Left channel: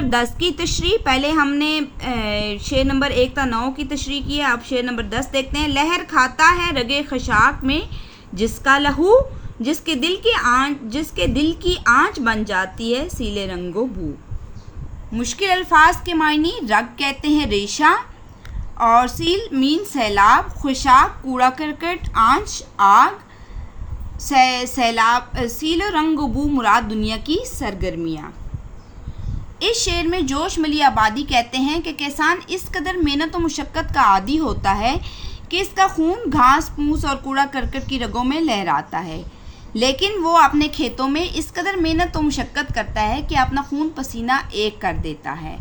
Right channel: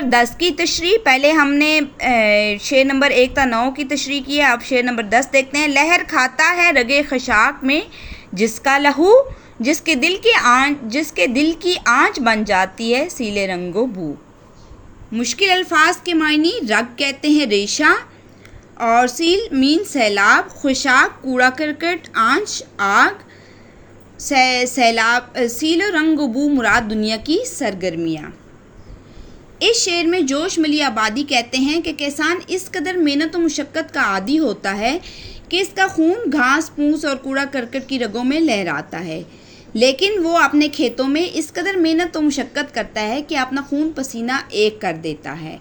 Number 10 کی تشریح. پہلے ہم نے شعر نمبر 1 تا 9 کی تشریح کی ہے. اب شعر نمبر 10 دیکھتے ہیں. لہر کھاتا ہے رگے خشاک میں جس کا لہو، جس کے دل کی آنچ بن جاتی ہے سیلے رنگ و بو. مشکل الفاظ کے معنی. رگ کہتے ہیں ریشہ، اور سیل مین سیلاب، خشاک کوڑا کرکٹ، آنچ آگ، سیلاب سیل و رنگ و بو مراد دنیا کی سرگرمیاں. اس شعر میں جوش ملی آبادی کہتے ہیں کہ کسان اس قدر محنت و مشقت کا عادی ہوتا ہے کہ اس کا خون گھاس پھوس اور کوڑا کرکٹ کی رگوں میں لہراتا ہے، لیکن وہ اپنے کھیتوں میں اس قدر محنت و مشقت کرتا ہے کہ اپنا خون پسینہ ایک کر دیتا ہے.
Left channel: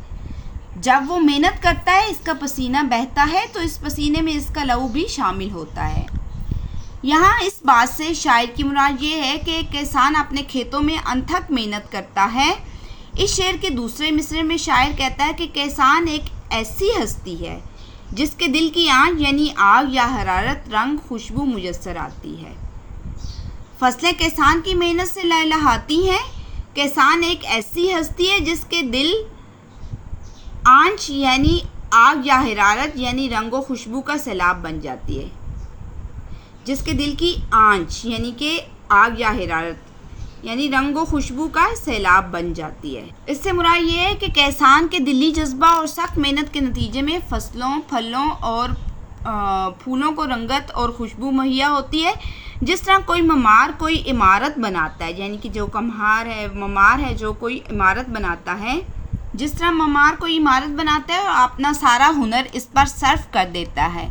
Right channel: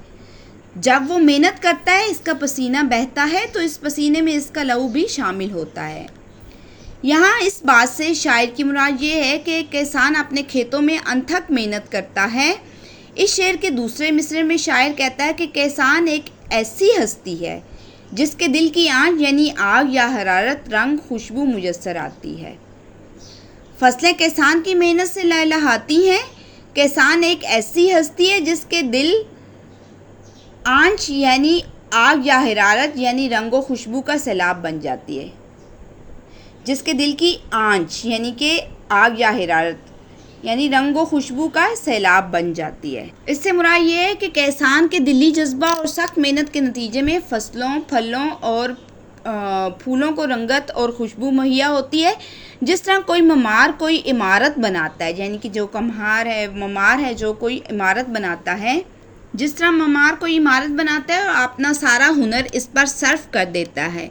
جب وہ محنت کرتا ہے اس کا پسینہ بہتا ہے تو اس پسینے میں اس کا لہو بھی شامل ہوتا ہے. یہاں اس بات سے شاعر کی مراد یہ ہے کہ کسان اپنے کھیتوں میں انتھک محنت کرتا ہے. اس شعر کے دوسرے مصرعے میں شاعر کہتا ہے کہ کسان ایک ایسی ہستی ہے جس کے دل کی آنچ یعنی آگ یا حرارت، رنگ، خوشبو میسر آتی ہے. فصلیں کسان کی محنت سے لہلہاتی ہیں. کسان ایک ایسی ہستی ہے جس کے دل آنچ یعنی آگ یا حرارت یعنی رنگ و خوشبو کا سیلاب بن جاتی ہے. جس کے دل کی آنچ یعنی کہ آگ یا حرارت یعنی رنگ و خوشبو کا سیلاب بن جاتی ہے. اس سے مراد یہ ہے کہ کسان کے دلی جذبہ اور سخت محنت کے نتیجے میں فصلوں، پھلوں اور پھولوں کو رنگت اور خوشبو مہیا ہوتی ہے. جس طرح کوئی ممار کوئی عمارت بناتا ہے، یعنی کہ جو ممار ہے جو کوئی عمارت بناتا ہے، جس طرح ممار کوئی عمارت بناتا ہے اور اپنا سارا ہنر اس پر صرف کر دیتا ہے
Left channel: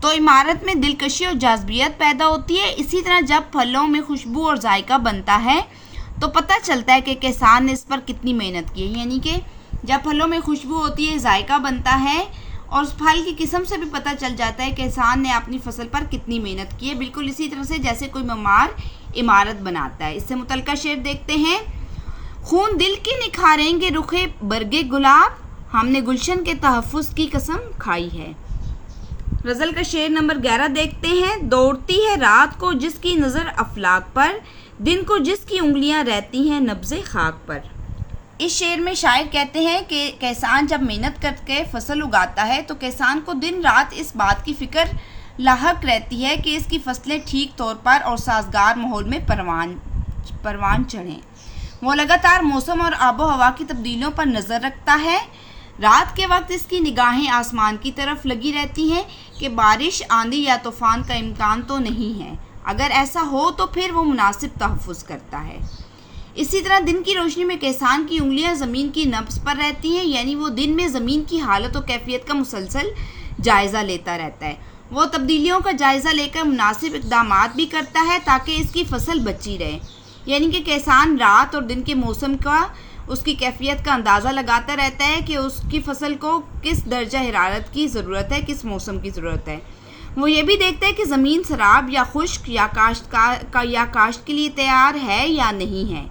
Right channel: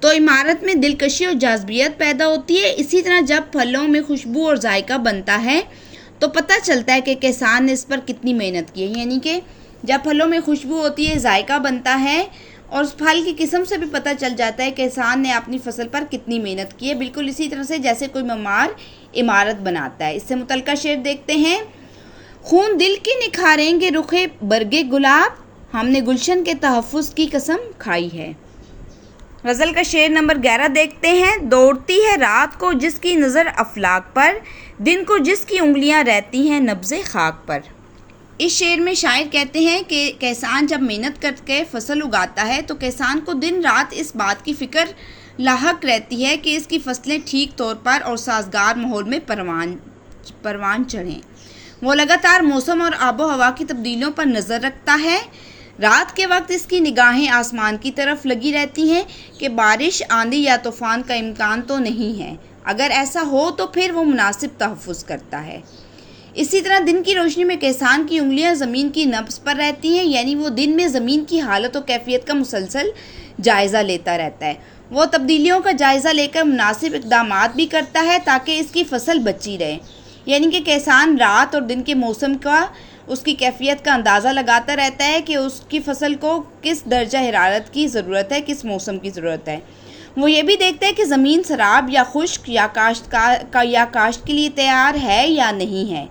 تو عمارت میں دلکشی اور جاذبیت پیدا ہوتی ہے. اسی طرح جب پھلوں میں خوشبو اور ذائقہ بنتا ہے تو پتہ چلتا ہے کہ کسان نے اس پر کتنی محنت کی ہے. یعنی کہ جب پھلوں میں خوشبو ہوتی ہے، ذائقہ بنتا ہے اور اس پھل کی قسم سے بھی پتہ چل جاتا ہے کہ کسان نے اپنی فصل پر کتنی محنت کی ہے. بالکل اسی طرح سے جیسے کوئی معمار عمارت بناتا ہے. اس سے متعلقہ شعر دیکھتے ہیں. خون دل کے نکھاریں گے رخے برگے گلاب، ہم نے گلشن کے تحفظ کی قسم کھائی ہے. غزل کا شعر نمبر 11 دیکھتے ہیں. دوڑتی ہے رات کو جس کی نظر افلاک پر، دن کو جس کی انگلیاں رہتی ہیں نبض خاک پر. اس شعر میں شاعر کہتے ہیں کہ کسان جب محنت کر کے فصل اگاتا ہے تو کسان کو دن رات اس بات کی فکر لاحق رہتی ہے کہ اس کی فصلیں ٹھیک طور پر اور سازگار ماحول میں پروان چڑھیں. وہ لگاتار موسم اور آب و ہوا کی تبدیلیوں پر نظر رکھتا ہے. رات کے وقت اس کی نگاہیں آسمان کی طرف لگی رہتی ہیں کہ بارش، آندھی یا طوفان کا امکان تو نہیں ہے. اگر ایسا ہو تو پھر وہ مناسب تحفظ کرتا ہے. اسی طرح دن کی روشنی میں کسان کی انگلیاں زمین کی نبض پر رہتی ہیں، یعنی وہ دن میں زمین کی حالت و کیفیت کا مسلسل جائزہ لیتا رہتا ہے. وہ تبدیلیوں کا جائزہ لے کر مناسب اقدامات بھی کرتا ہے تاکہ اس کی فصل بچی رہے. یعنی کہ کسان رات اور دن کے موسم کا، اس کی کیفیت کا اندازہ لگاتا رہتا ہے کہ اس کی فصل کو کس درجہ حرارت کی ضرورت ہے، کس موسم کی ضرورت ہے. وہ یہ بھی دیکھتا ہے کہ زمین سراب یا خشک یا کاشت کے لیے تیار ہے یا نہیں ہے.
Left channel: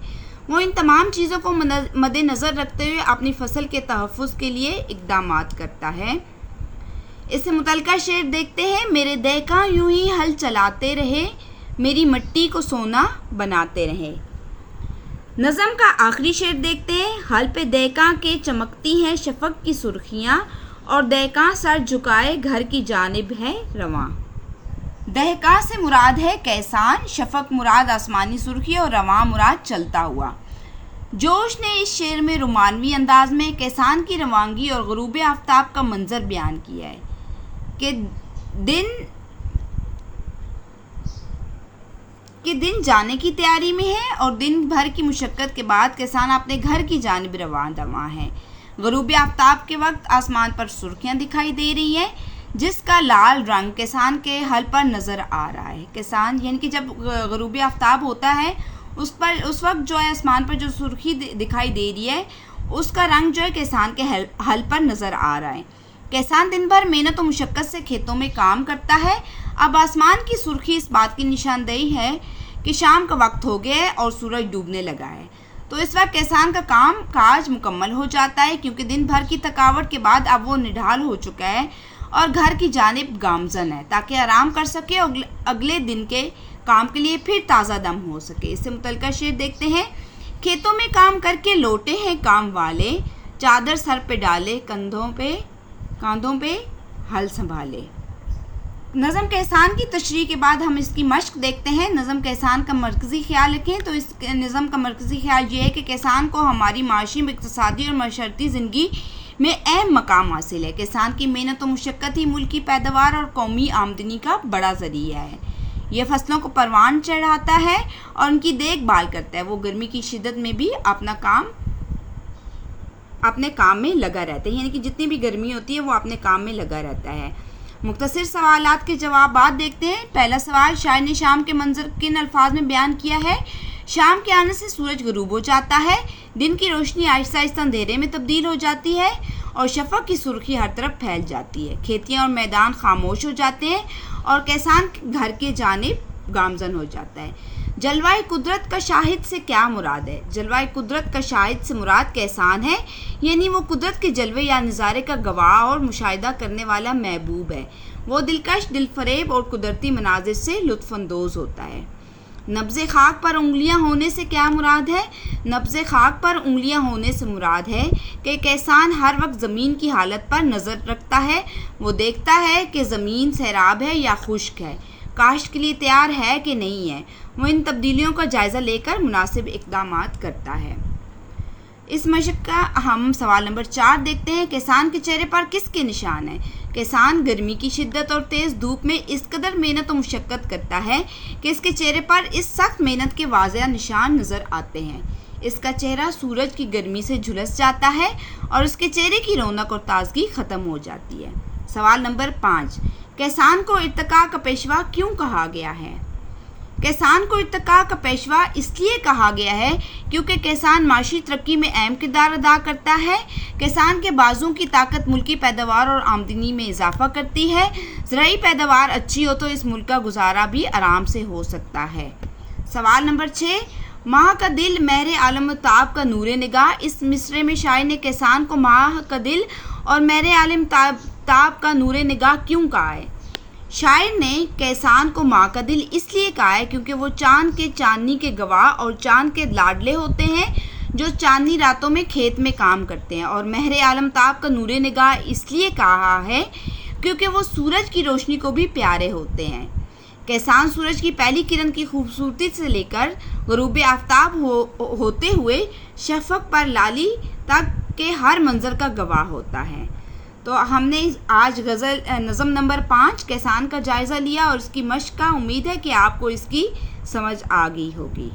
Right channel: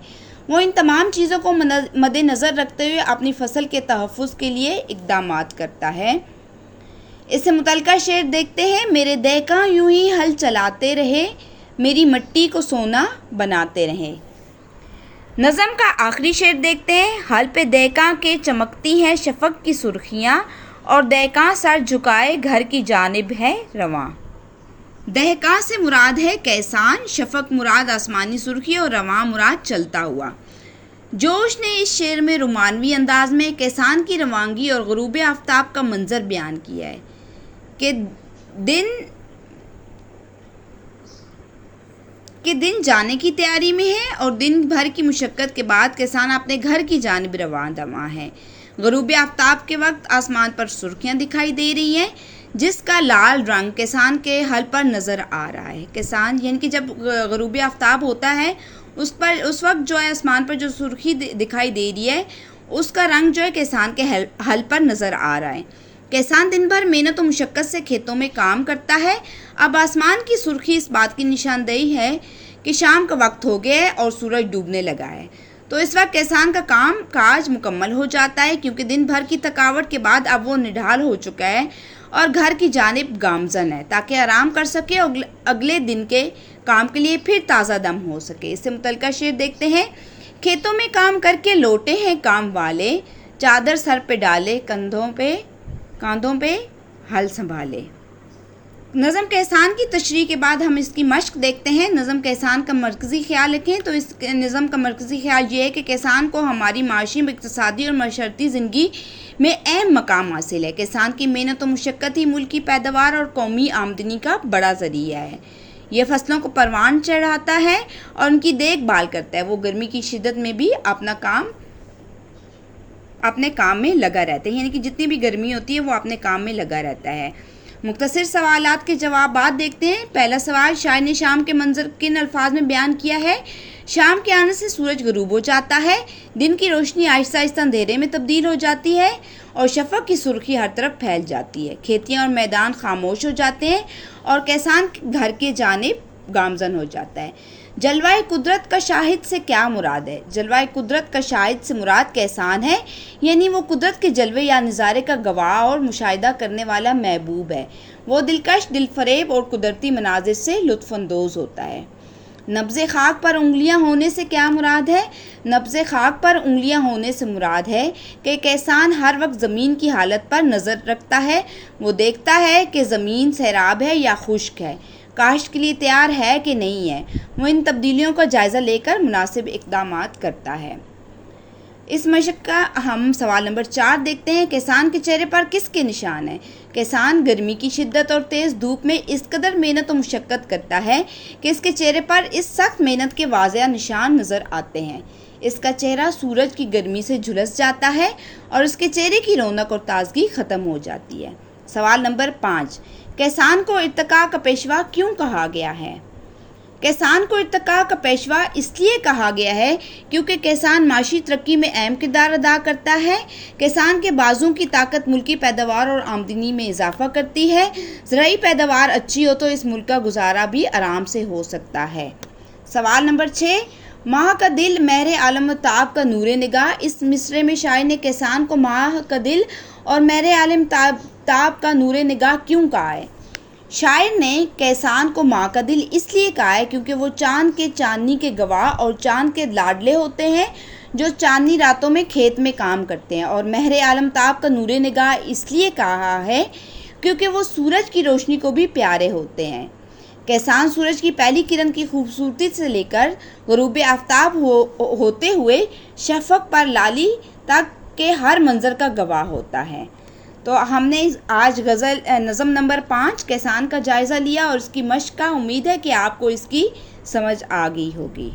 وہ ان تمام چیزوں کو مد نظر رکھتے ہوئے اپنی فصل کے تحفظ کے لیے اقدامات کرتا ہے. اس سے متعلقہ شعر دیکھتے ہیں. میرے دہقاں یوں ہی ہل چلاتے رہے، میری مٹی کو سونا بناتے رہے. نظم کا آخری شعر دیکھتے ہیں. ہل پہ دہقاں کے چمکتی ہیں شفق کی سرخیاں، اور دہقاں سر جھکائے گھر کی جانب ہے رواں. دہقاں سے مراد ہے کسان، شفق مراد آسمانی سرخی اور رواں مراد چلتا ہوا. جوش نے اس شعر میں رومانوی انداز میں کسان کی روانگی اور غروب آفتاب کا منظر بیان کیا ہے کہ دن جانے کی تیاری میں ہے اور دن بھر کی مشقت کے بعد کسان اپنے گھر کی جانب رواں ہے. غروب آفتاب کے وقت آسمان پر سرخیاں دکھائی دے رہی ہیں جس کا لال رنگ کسان کے ہل پر نظر آ رہا ہے. کسان یعنی کہ جب غروب آفتاب ہوتا ہے اس وقت جو ہے آسمان پر جو سرخی دکھائی دے رہی ہے اس کا رنگ جو ہے کسان کے ہل پر نظر آ رہا ہے. کسان دن بھر محنت و مشقت سے کھیتوں میں کام کرتا ہے. اب آسمان کی سرخی اس بات کی نشاندہی ہے کہ شام کا وقت ہو گیا ہے اور سورج ڈوبنے لگا ہے. تو اس وقت کسان کا کام کاج مکمل ہو جاتا ہے کیونکہ دن بھر کی تھکاوٹ کے بعد اب وہ نڈھال ہو چکا ہے اور گھر کی جانب گامزن ہے تاکہ آرام کر سکے اور اگلے دن کے کام کے لیے پھر تازہ دم ہو سکے. اس سے متعلقہ شعر دیکھتے ہیں. کھیتوں میں کام کر کے لوٹے ہیں کام والے، چادر سر پہ ڈالے، کاندھوں پہ ہل سنبھالے۔ نظم کے احسان کی تشریح کے بعد ہم اس کی مشق دیکھتے ہیں۔ نظم کے احسان کا مرکزی خیال رکھیں تو اس نظم کا مرکزی خیال یہ ہے کہ کسان کو ہماری معاشی، اقتصادی اور معاشرتی زندگی میں اہم مقام حاصل ہے۔ کسان کی محنت و مشقت ہی ملک کی پیداوار اور قومی آمدنی کا بڑا ذریعہ ہے۔ یہ فصلوں کو پروان چڑھاتا ہے اور ان کی دیکھ بھال کرتا ہے۔ وہ گرمی کی شدت میں بھی اپنے کام میں لگا رہتا ہے، یعنی کہ جتنی بھی گرمی ہوتی ہے وہ اپنے کام میں لگا رہتا ہے۔ مختصر سوالات کے جوابات دیکھتے ہیں۔ پہلا سوال، شاعر نے شام کے منظر کن الفاظ میں بیان کیا ہے؟ شام کے آنے سے سورج غروب ہو جاتا ہے، دن کی روشنی آہستہ آہستہ اندھیرے میں تبدیل ہو جاتی ہے اور شفق کی سرخی ہر طرف پھیل جاتی ہے۔ کھیتیاں اور میدان خاموش ہو جاتے ہیں اور کسان گھر کے جانب گامزن ہو جاتا ہے۔ جلوہ قدرت کا شاہد سے کیا مراد ہے؟ جلوہ قدرت کا شاہد سے مراد کسان ہے، یعنی وہ قدرت کے جلوے یا نظارے کا گواہ اور مشاہدہ کرنے والا محبوب ہے۔ وہ دلکش، دل فریب اور قدرتی مناظر سے لطف اندوز ہوتا ہے۔ نبض خاک پر انگلیاں ہونے سے کیا مراد ہے؟ نبض خاک پر انگلیاں ہونے سے مراد ہے کہ کسان ہر وقت زمین کی حالت پر نظر رکھتا ہے۔ وہ دیکھتا ہے کہ زمین سیراب ہے یا خشک ہے، کاشت کے لیے تیار ہے کہ نہیں ہے۔ وہ ان تبدیلیوں کا جائزہ لے کر مناسب اقدامات کرتا ہے۔ اس مشق کا ہم سوال نمبر 4 دیکھتے ہیں۔ کسان کے چہرے پر کس کے نشان ہیں؟ کسان گرمی کی شدت اور تیز دھوپ میں اس قدر محنت و مشقت کرتا ہے کہ اس کے چہرے پر اس سخت محنت کے واضح نشان نظر آتے ہیں۔ اس کا چہرہ سورج کی گرمی سے جھلس جاتا ہے اور اس کے چہرے کی رونق اور تازگی ختم ہو جاتی ہے۔ سوال نمبر 5، کسان کو ارتقاء کا پیشوا کیوں کہا گیا ہے؟ کسان کو ارتقاء کا پیشوا اس لیے کہا گیا ہے کیونکہ کسان معاشی ترقی میں اہم کردار ادا کرتا ہے۔ کسان کے بازوں کی طاقت ملکی پیداوار اور آمدنی میں اضافہ کرتی ہے۔ زرعی پیداوار اچھی ہو تو اس ملک کا گزارا بھی آرام سے ہو سکتا ہے۔ سوال نمبر 6، ماہ کا دل مہر عالم تاب کا نور نگاہ۔ اس مصرعے میں شاعر نے کسان کو ماہ کا دل اور مہر عالم تاب کا نور نگاہ کیوں کہا ہے؟ شاعر نے کسان کو ماں کا دل اس لیے کہا ہے کیونکہ وہ چاند کے چاندنی کے گواہ اور چاند کے لاڈلے ہوتے ہیں جو چاندنی راتوں میں کھیت میں کام کرتے ہیں، اور مہر عالم تاب کا نور نگاہ اس لیے کہا ہے کیونکہ وہ سورج کی روشنی کو بھی پیارے ہوتے ہیں۔ کسان سورج کی پہلی کرن کی خوبصورتی سے لے کر غروب آفتاب ہوتے ہوئے شفق پر لالی تک کے ہر منظر کا گواہ ہوتا ہے۔ تو ہم نے آج نظم نمبر 5 کسان کا جائزہ لیا اور اس کی مشق کا، امید ہے کہ آپ کو اس کی سمجھ آ گئی ہوگی۔